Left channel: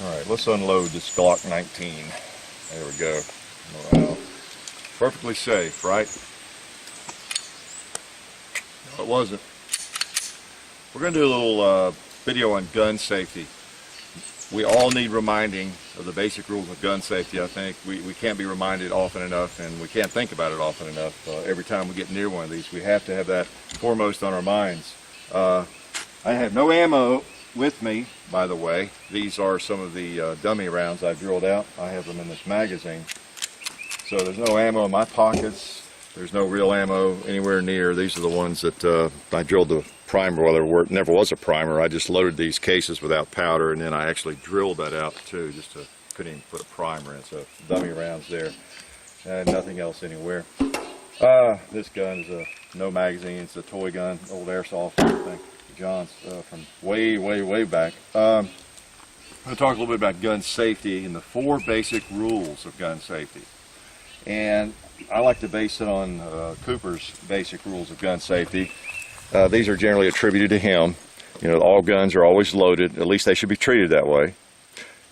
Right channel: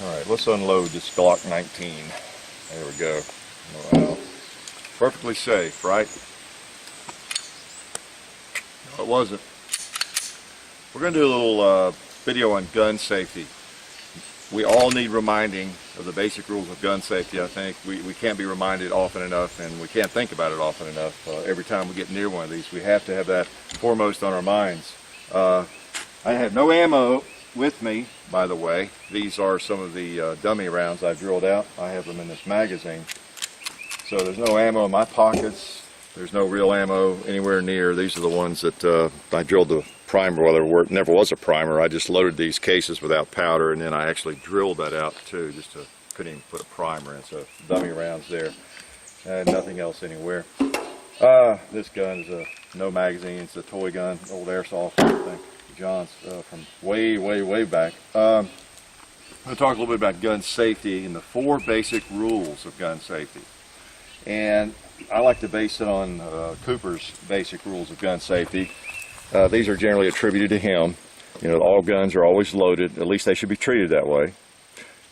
Alright, let's unload this Glock 19. There we go. Wow. Perfectly safe, right? No, it wasn't. We're going to do a little video on gun safety. We all need reminding of the basic rules of gun safety. I think we can't be reminded often enough, and we can't think about it often enough. Every time we get near one of these, we have to have that foremost on our minds. I have no ammo with me, by the way. These are some of the dummy rounds I've drilled out. I have them in this magazine. So there's no ammo in my pockets. There's no real ammo anywhere near. These are the ones that I drilled the primer. Well, there never was a primer. I just loaded these cases without powder, and then I actually drilled that out too, couldn't even put a primer in. So dummy rounds there, and nothing else anywhere. This gun is a no magazine. It's a toy gun, old airsoft, I think, John's from way back. I'm going to talk a little bit about gun safety and the 4 basic rules of gun safety. And I like to base it on Cooper's basic rules of gun safety. These are generally attributed to him. You know, all guns are always loaded. At least they should be treated that way.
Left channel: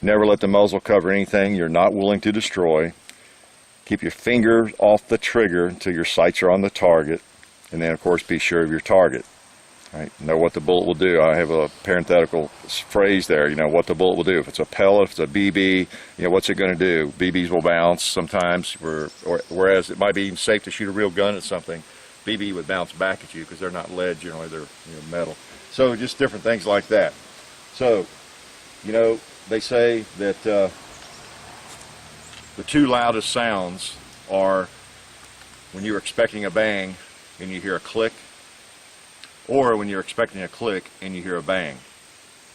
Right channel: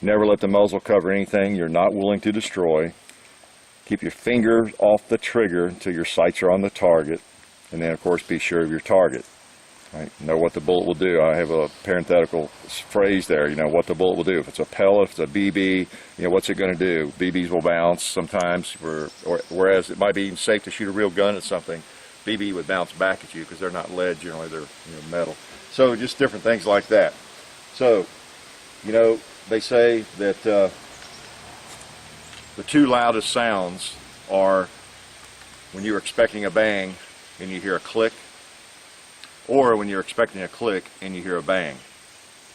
Never let the muzzle cover anything you're not willing to destroy. Keep your finger off the trigger until your sights are on the target. And then, of course, be sure of your target. Right? Know what the bullet will do. I have a parenthetical phrase there, you know, what the bullet will do. If it's a pellet, if it's a BB, you know, what's it going to do? BBs will bounce sometimes, whereas it might be even safe to shoot a real gun at something. BB would bounce back at you because they're not lead, generally they're metal. So just different things like that. So, you know, they say that the 2 loudest sounds are when you're expecting a bang and you hear a click, or when you're expecting a click and you hear a bang.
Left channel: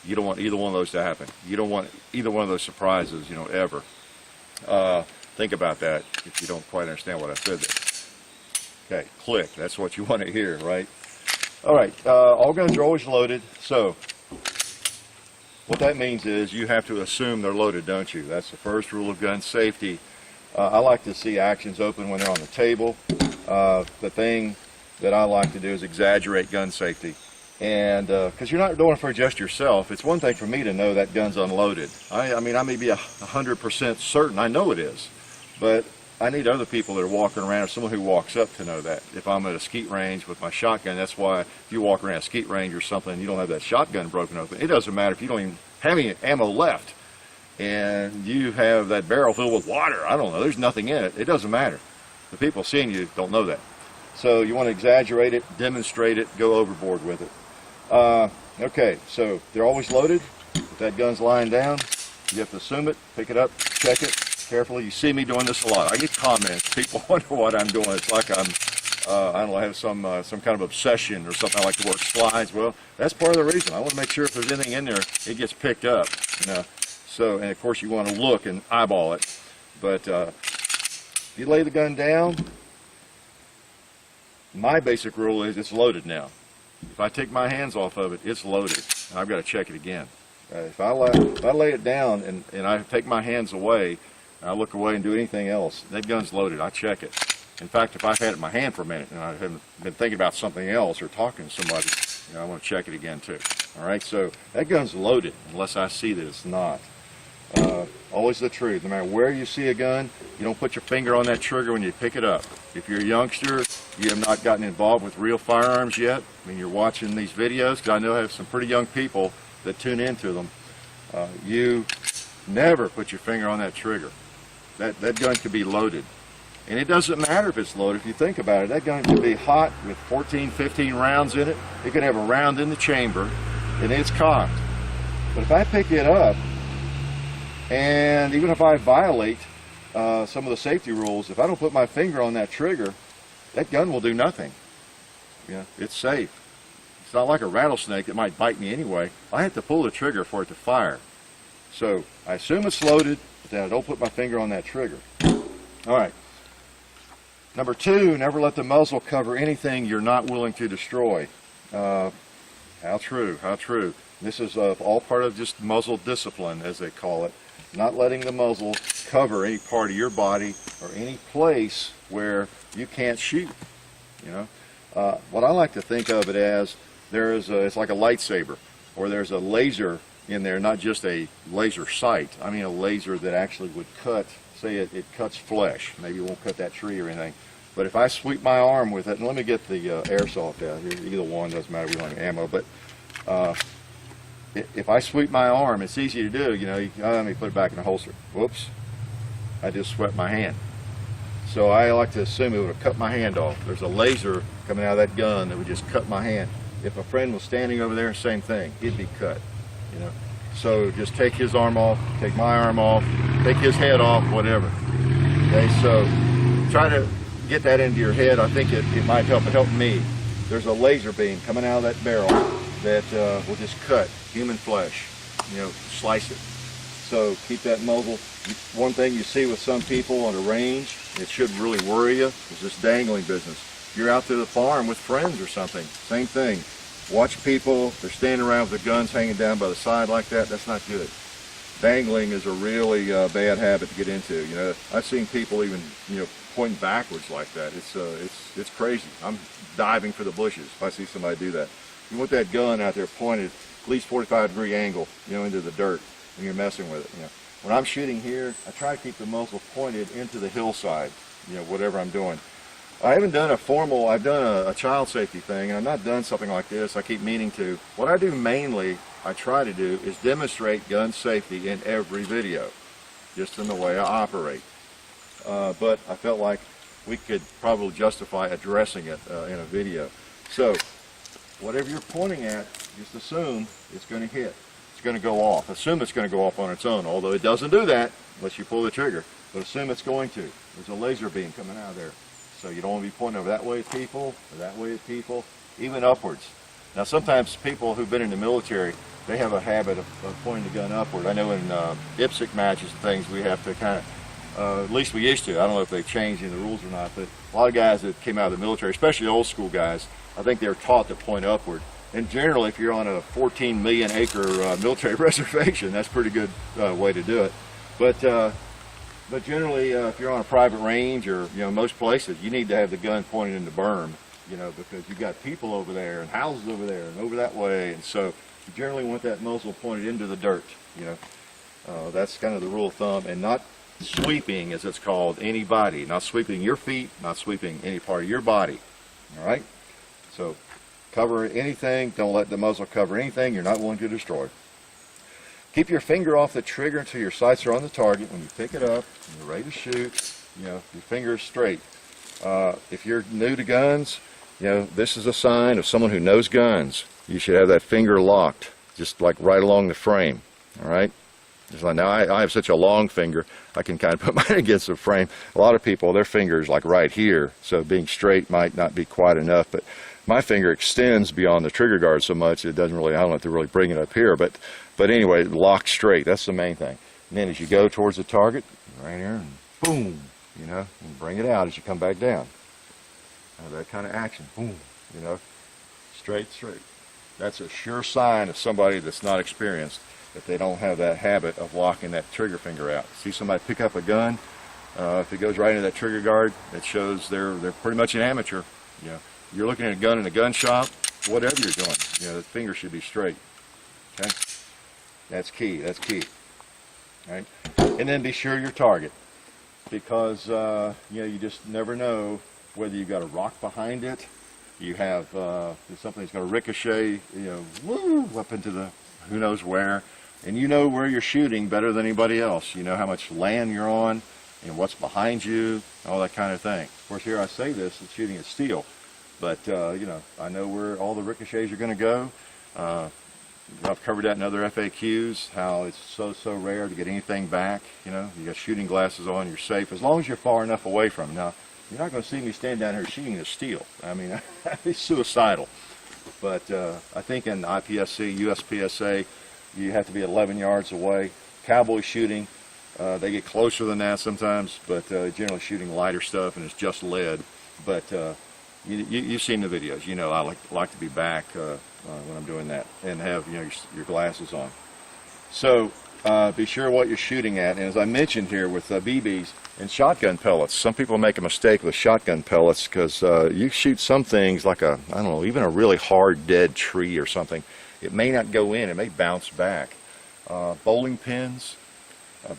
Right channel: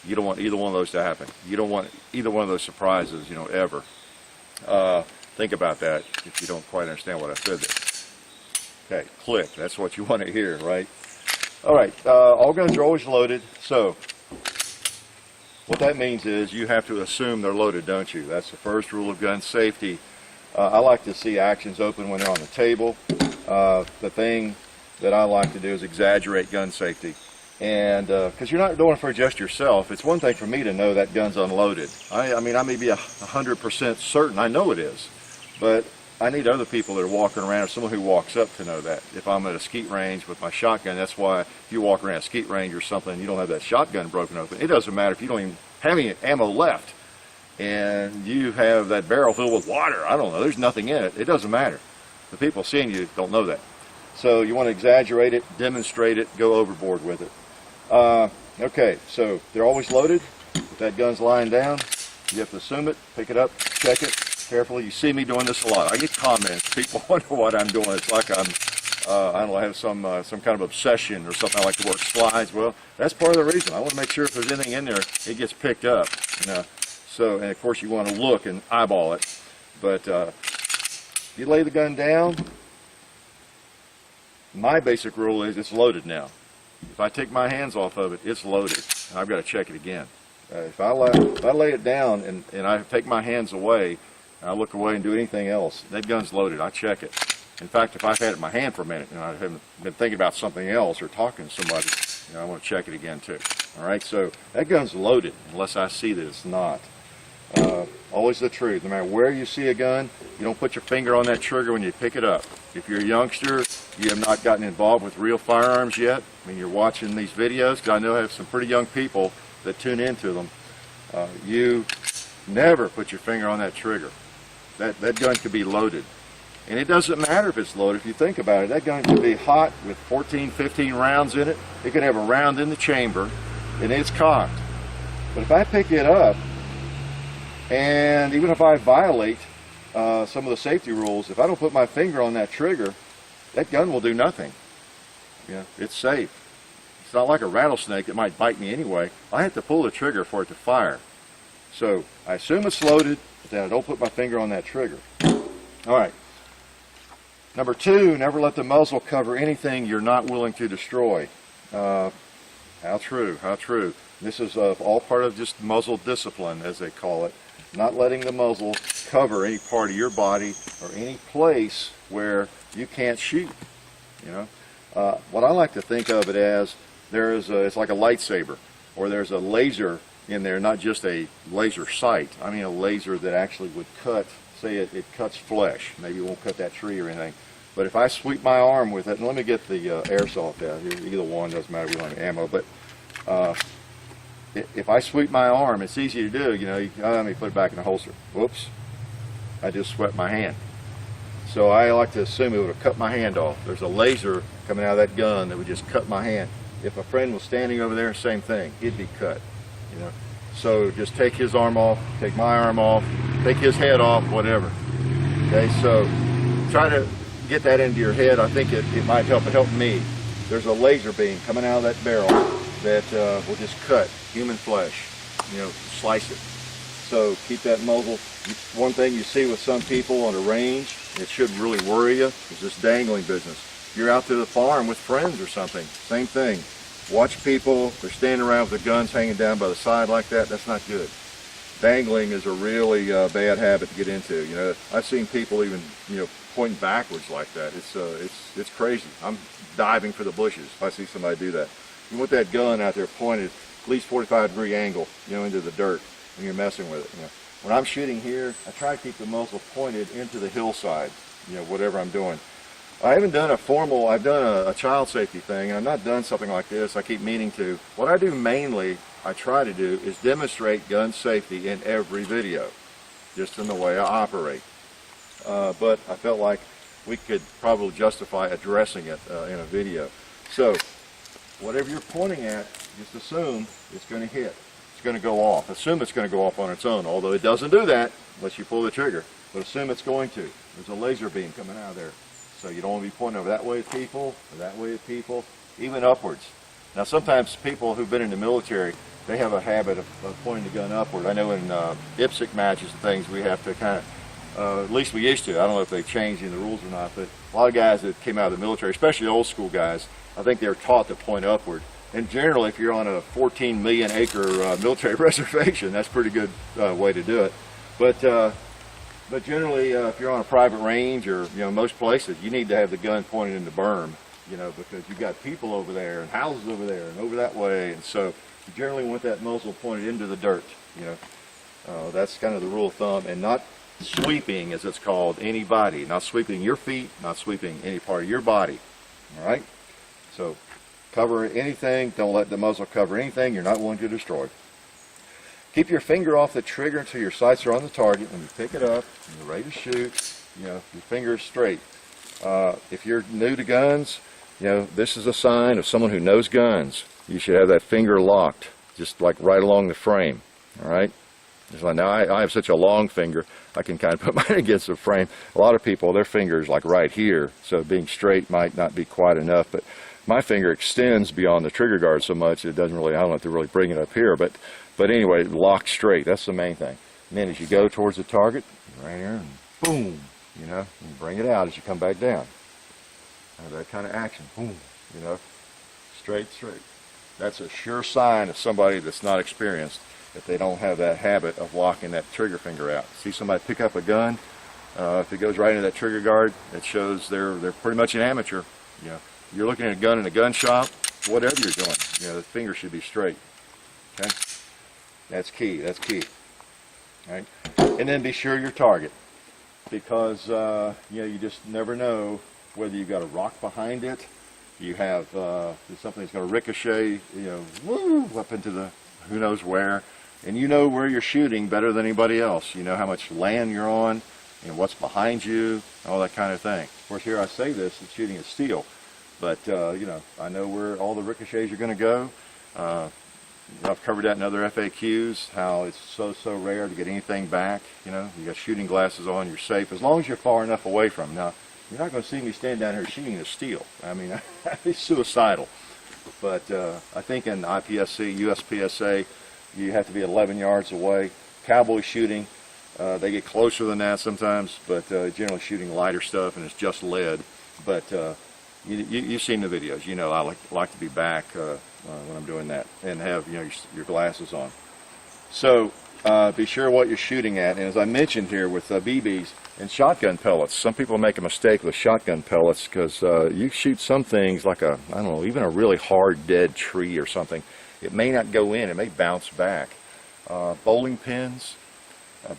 You don't want either one of those to happen. You don't want either one of those surprises, you know, ever. Think about that if you don't quite understand what I said there. Okay, click, that's what you want to hear, right? Alright, all guns are always loaded, so what that means is you have to assume they're loaded, don't you? That's the first rule of gun safety. I like to see actions open when they're on the table. The thing that I like to do is exaggerate gun safety, and because you're not doing it for just yourself. It's one thing for me to know that gun's unloaded. I mean, I may be 100% certain I know it is, but I need other people that are walking around, or someone who walks up, to know that. If I'm at a skeet range with my shotgun, that's why if you walk around a skeet range or something and you don't have that shotgun broken open, it doesn't matter if you don't even have any ammo left and you have that barrel filled with water. I don't know, there's nothing in it. It doesn't matter. The people seeing you don't know that. So you want to exaggerate it, demonstrate it, go overboard with it. Okay, so they're always loaded. If that gun's lying down, you have to assume it, pick it up, check it carefully. You see me doing this a lot. I get comments. People wonder what I'm doing. It's like I'm, I don't know, I have some kind of obsession or something. I like to work slides. Well, that's part of the reason. I want to make sure if there's anything in there, it gets picked up. You know. So, and of course, you want to look and eyeball it. But if you lay the gun down, my basic rule is it's loaded now. If I take my hands off of it, it's loaded, and I've got to check it again. If I lay it down and I take my hands away, and I look away and do anything else, that gun's loaded. I check it. In fact, if I've had it in my hand for a minute and I haven't been thinking about something else or talking to somebody, you know, I want to check it again too. All right, so that gun's loaded unless I see that it's not. Always the truth. No matter where you see a gun, you don't put your finger on that trigger when you pick it up. If you're a youngster, you have not gotten involved with real firearms yet, I mean, you're watching these videos, because I know I have some pretty young people that tune into them, you never put your finger on that trigger. That gun could be loaded. And it doesn't matter if it's loaded. If you think about it, that gun could be hot with 14, 15 rounds in it. It could have a round in the chamber, and it's cocked. But if I pick it up, and even if I violate some of the safety rules, if I don't put my finger on that trigger, that gun will do nothing. Yeah, it's safe. It's not like a rattlesnake that might bite me anyway. I have to pull the trigger for it to fire. So I assume it's loaded, but then I don't put my finger on that trigger. All right. Number 2, never let the muzzle cover anything you're not willing to destroy. How true, how true. This is all part of just muzzle discipline, as they call it. Not letting the muzzle cover any part of your body or any place where you can't shoot. You know, what I like to think of it as, it's like a lightsaber, or there's a laser in there, not just a laser sight. I mean a laser that actually would cut, say it cuts flesh. Maybe it won't cut that tree or anything. But if I sweep my arm with it, and let me get the airsoft out here, either one, doesn't matter, we don't have ammo, but if I sweep my arm, it's easy to do, you know, let me put it back in the holster. Whoops, I just swept my hand. So I like to assume it would have cut my hand off. There's a laser coming out of that gun that would just cut my hand. If a friend was standing over there, same thing, he'd be cut, you know. So just take his arm off, take my arm off, take his head off, whatever. Okay, so try to get that into your head. I think it might help. It helped me. There's a laser beam coming out of that barrel that will just cut human flesh, you know, slice it. So keep that muzzle. One thing you see with some people on the range, it should really worry you, is this dangling business. You're out to the farm with friends or something, same thing. Watch people, they're standing around with their guns hanging down by the side like that. That's not good. Dangling is a really bad habit to get into. You know, I've seen people even, you know, pointing backwards like that. It's crazy. I'm diving for the bushes if I see somebody do that. You want that gun out there pointed at least 45-degree angle, you know, into the dirt when you're messing with it. You know, when I'm shooting here, I try to keep the muzzle pointed into the hillside. You know, whatever I'm doing. I haven't done a formal, I've done a child safety thing, and I've not done something like this. I keep meaning to. What I do mainly, I try to do, is demonstrate gun safety in every video, just in the way I operate. But I felt like we could probably justify addressing it in a video. So, whatever you're pointing at, just assume it's going to hit. It's going to go off. Assume it's going to go off on its own, although it doesn't do that unless you pull the trigger. But assume it's going to. There's a laser beam coming out of there. So you don't want to be pointing over that way at people, or that way at people, even upwards. Now sometimes people who've been in the military, they have a habit of pointing the gun upward. I know in IPSC matches and things we have to kind of, at least we used to, I don't know if they've changed in the rules or not, but a lot of guys that came out of the military, especially old school guys, I think they're taught to point upward. And generally if you're on a 14 million acre military reservation, that's a pretty good way to do it. But generally, if you're on a private range or, you know, most places, you need to have the gun pointed in the berm, you know, because you've got people over there and houses over there and over that way. And so you generally want that muzzle pointed into the dirt, you know. That's kind of the rule of thumb. And not sweeping, as it's called, any body. Not sweeping your feet, not sweeping any part of your body. All right? So cover anything. Don't let the muzzle cover anything you're not willing to destroy. Keep your finger off the trigger until your sights are on the target. When you pick it up and you're ready to shoot, you know, your finger is straight. If you're new to guns, you know, this is a sign of someone who knows guns. You should have that finger locked, just like right along the frame. All right? Just like, now I have such a long finger, I can kind of put mine against the frame. A lot of people, their finger is like right here, so being straight might not be quite enough. But my finger extends beyond the trigger guard so much it doesn't really, I don't have to really bring it up here. But anyway, lock straight, that's the main thing. And then as you go towards the target, right here, and boom, you know, and bring it out as you come back down. That kind of action, boom, you know, straight. That's a sure sign of somebody that's not experienced, if they don't have that habit of locking that trigger finger out. See somebody pick up a gun, if it goes right into that trigger guard, it shows they're pretty much an amateur. You know, you're looking at a gun in a gun shop, whatever you're doing, you know, the finger should be straight. Okay, that's key. All right, and then be sure your target, because you know, you just never know whether you've got a rock behind it, you have something that's going to ricochet, you know, woo, up into the who knows where. And you know where you're shooting better than anybody else. You know how much land you're on, and what's behind you, all that kind of thing. Of course, here I say this, it's shooting at steel, but you know, I know where all the ricochets are going to go. I've covered that in other FAQs, how it's so rare to get anything back. You know, you got shooting glasses on, you're safe, as long as you're far enough away from them. Now, you're not going to see me stand down here shooting at steel. I mean, that'd be suicidal. But I think in IPSC, USPSA, you have to be 11 yards away. Cowboy shooting, they get closer than that sometimes, but generally shooting lighter stuff, and it's just lead. But you've seen the videos. You know, I like to be back when I'm doing that, and have, you know, your glasses on. So be sure what you're shooting at. And as I mentioned here with BBs and shotgun pellets, some people make a mistake with shotgun pellets, because you shoot some things like I don't know, even a really hard dead tree or something, it may not go in, it may bounce back. Bowling pins.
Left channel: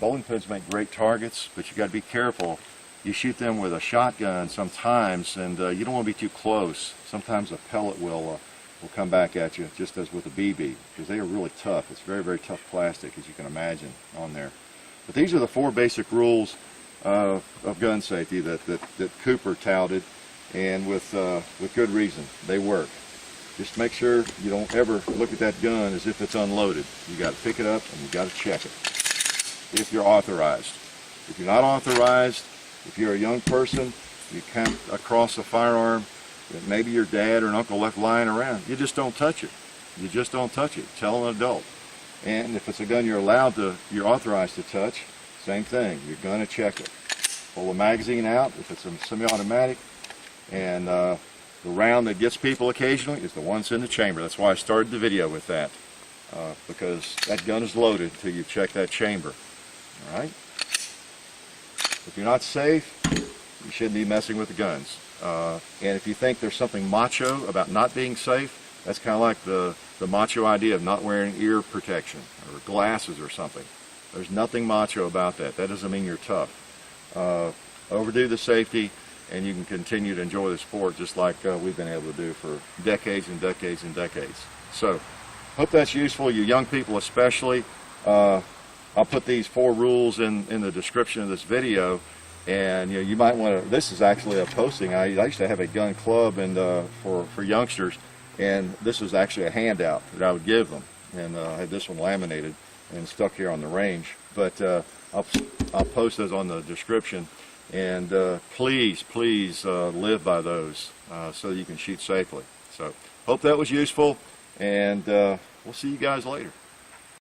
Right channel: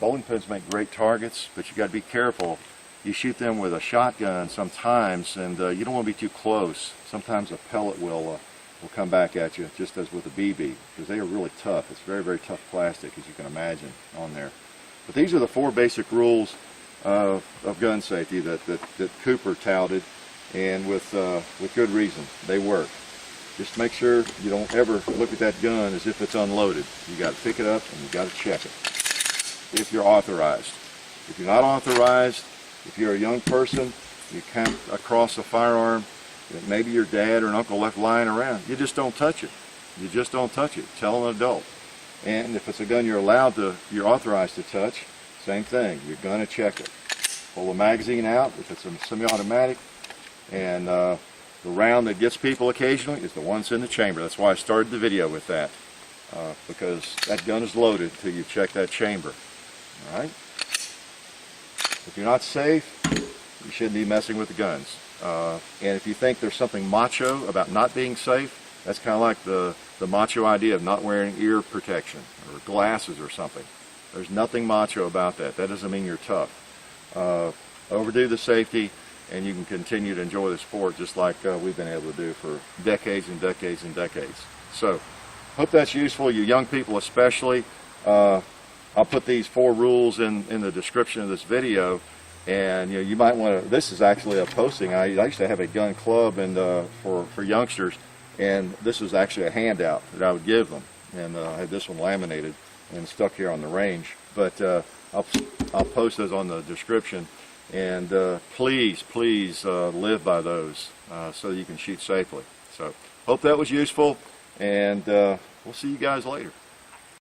Bowling pins make great targets, but you got to be careful. You shoot them with a shotgun sometimes, and you don't want to be too close. Sometimes a pellet will come back at you, just as with a BB, because they are really tough. It's very, very tough plastic, as you can imagine, on there. But these are the 4 basic rules of gun safety that Cooper touted, and with good reason. They work. Just make sure you don't ever look at that gun as if it's unloaded. You got to pick it up and you got to check it if you're authorized. If you're not authorized, if you're a young person, you come across a firearm that maybe your dad or an uncle left lying around, you just don't touch it. You just don't touch it. Tell an adult. And if it's a gun you're authorized to touch, same thing. You're going to check it. Pull the magazine out if it's a semi-automatic, and the round that gets people occasionally is the one that's in the chamber. That's why I started the video with that, because that gun is loaded until you check that chamber. All right? If you're not safe, you shouldn't be messing with the guns. And if you think there's something macho about not being safe, that's kind of like the macho idea of not wearing ear protection or glasses or something. There's nothing macho about that. That doesn't mean you're tough. Overdo the safety, and you can continue to enjoy the sport just like we've been able to do for decades and decades and decades. So, hope that's useful, you young people especially. I'll put these 4 rules in the description of this video, and you might want to. This is actually a posting. I used to have a gun club and for youngsters, and this was actually a handout that I would give them, and I had this one laminated and stuck here on the range. But I'll post those on the description, and please live by those so you can shoot safely. So hope that was useful, and we'll see you guys later.